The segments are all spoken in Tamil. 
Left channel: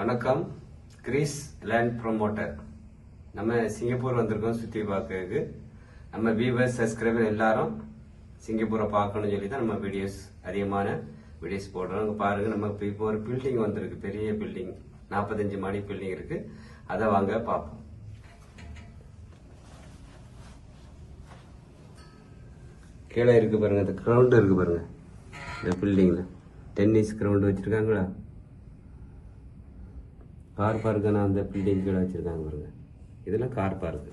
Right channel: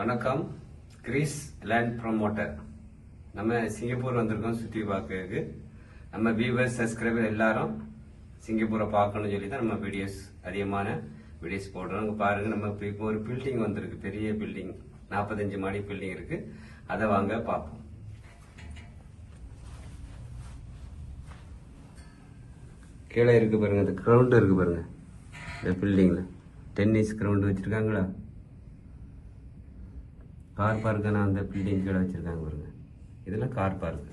வணக்கம். Greece land promoter. நம்ம சிங்கப்பூர் வந்திருக்கோம் சுற்றி பார்க்கறதுக்கு. நம்ம வியூவர்ஸ் சப்ஸ்கிரைபர் எல்லாரும் சிங்கப்பூரை பார்க்கணும்னு சொல்லி தான் நம்ம அதிகமான வீடியோஸ் போடுறோம். பாருங்க, நம்ம இப்போ ஒரு பில்டிங் வந்திருக்கு, பெரிய பில்டிங், 45 மாடி பில்டிங் இருக்கு. அதை வாங்க பார்ப்போம். கீழே இருக்கு பாருங்க, இந்த கிரவுண்ட் இருக்கு பாருங்க. இந்த பில்டிங்ல டென்னிஸ் கிரவுண்ட் வச்சிருக்காங்களா, கார் பார்க்குன்னா அந்த பில்டிங் கீழே வச்சுருக்காங்க பாருங்க. இதெல்லாம் கார் பார்க்கு.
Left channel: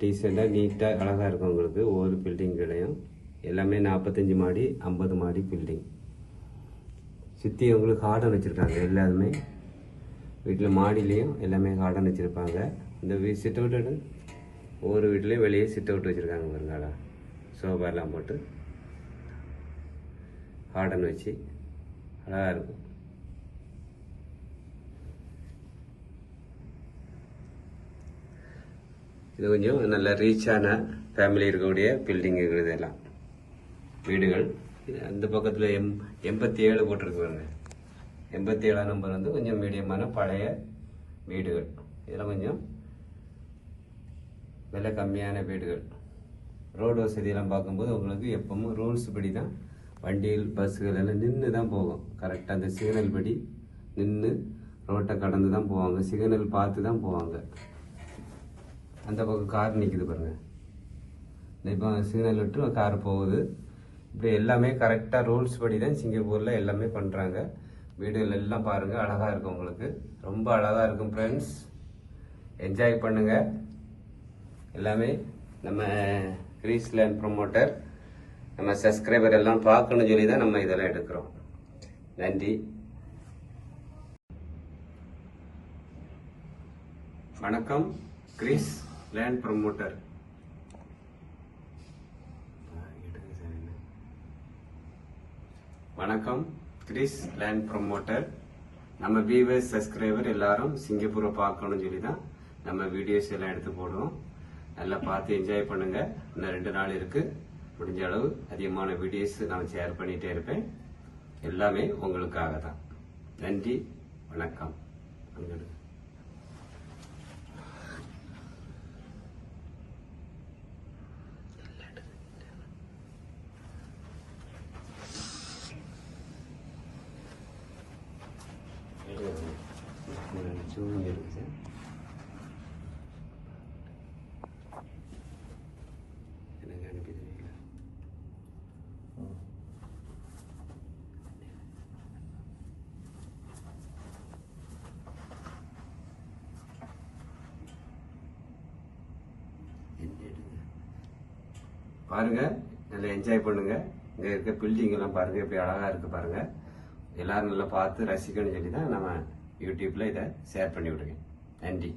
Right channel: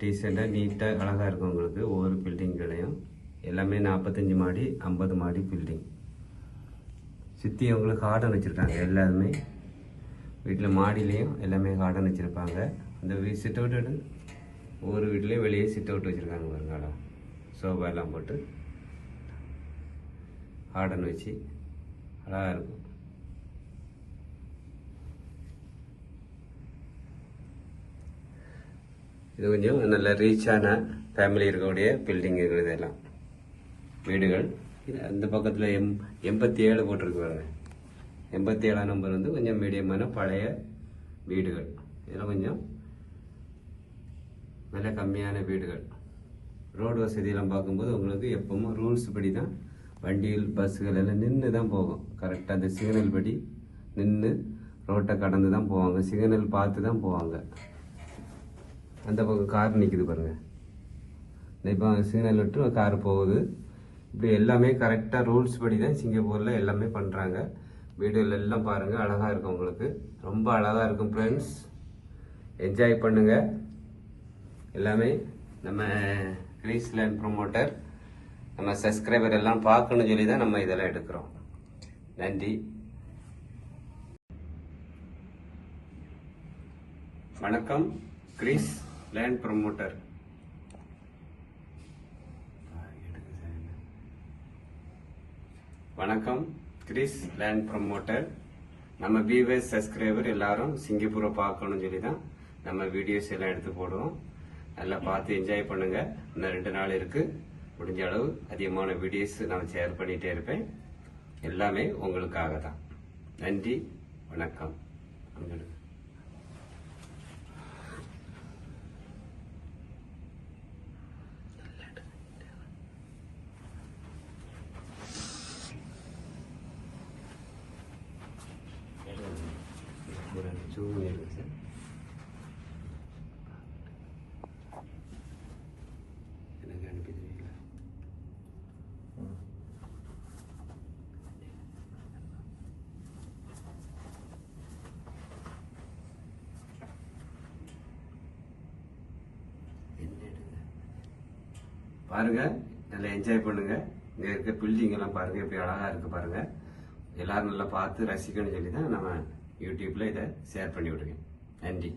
டீசெண்டாக நீட்டாக அழகாக இருக்கும் உங்களுக்கு. ஒவ்வொரு பில்டிங் கிடையும், எல்லாமே 45 மாடி 50 மாடி பில்டிங். சுற்றி உங்களுக்கு கார்டன் வச்சுருக்காங்க. எல்லாருமே வீட்டில் மாடியிலையும் எல்லாமே கார்டன் வச்சுருப்பாங்க. இந்த சிட் அவுட் ஒவ்வொரு வீட்லேயும் வெளியே சிட் அவுட் வச்சுருக்காங்க பாருங்க. சோஃபா எல்லாம் போட்டு கார்டன் வச்சு அழகாக இருக்கும். இது கொஞ்சம் நல்ல ரீச்சான ஃபேமிலி இருக்கக்கூடிய பில்டிங் இதெல்லாம் வீடுகள். அந்த பக்கத்தில் 87 போட்டிருக்கு பாருங்க. 87ஆம் நம்பர் வந்து கொஞ்சம் மீடியமான பழைய வீடுகள். இதெல்லாம் கொஞ்சம் விலை கம்மியான வீடுகள். ரோடு வசதியெல்லாம் பார்க்கும்போது உங்களுக்கு எப்பவும் ரூல்ஸ் படி தான் வண்டிகள் பஸ்ஸுகள் எல்லாம் நின்று தான் போகும். கரெக்டாக அந்த சிக்னல் படி நின்று ரோட்டை கடந்து தான் போவாங்க. சிக்னல் பார்த்து தான் போவாங்க. அந்த பக்கம் கார் நிற்குது பாருங்க. இப்போ சிக்னல் விட்டு கார் போகுது. இப்படி எல்லாமே கரெக்டாக ரூல்ஸ் படி தான் சிங்கப்பூரில் எல்லாமே பண்ணுறாங்க. வீடுகள் எல்லாம் பாருங்கள், அழகாக இருக்கும் உங்களுக்கு. ரொம்ப அழகாக இருக்கும் ஃப்ரெண்ட்ஸ். என்ஜாய் பண்ணுங்கள். எல்லாமே நம்ம கிரீஸ் லேண்ட் ப்ரொமோட்டர், நம்ம சப்ஸ்கிரைபர் எல்லாம் பார்க்கணும்னு சொல்லி தான் நம்ம இதெல்லாம் எடுக்கிறோம். நன்றி, வணக்கம். Greece land promoter. வணக்கம். Greece land promoter. நம்ம வியூவர்ஸ் சப்ஸ்கிரைபர் எல்லாரும் சிங்கப்பூரை பார்க்கணும்னு சொல்லி தான் நம்ம வீடியோஸ் எல்லாம் எடுத்து போடுவோம். நல்லா பார்த்து என்ஜாய் பண்ணுங்க. இன்னும் 2 நாள் இருக்கு. முடிஞ்ச அளவு அதிகமான வீடியோஸ் நான் ஷேர் பண்ணிட்டே இருப்பேன். எல்லாமே உங்களுக்காக தான். நன்றி, வணக்கம். எனக்கு அனுப்பிடுவீங்களா? பாருங்க, நல்லா என்ஜாய் பண்ணுங்க. இங்க இருக்க பில்டிங் எல்லாம் பாருங்க, எப்படி அழகா இருக்கு பாருங்க. எல்லாரும் நல்லா பார்த்து ரசிக்கணும்னு சொல்லி தான் நம்ம யூடியூப்ல இதை ஷேர் பண்ணி விடுங்க. நன்றி.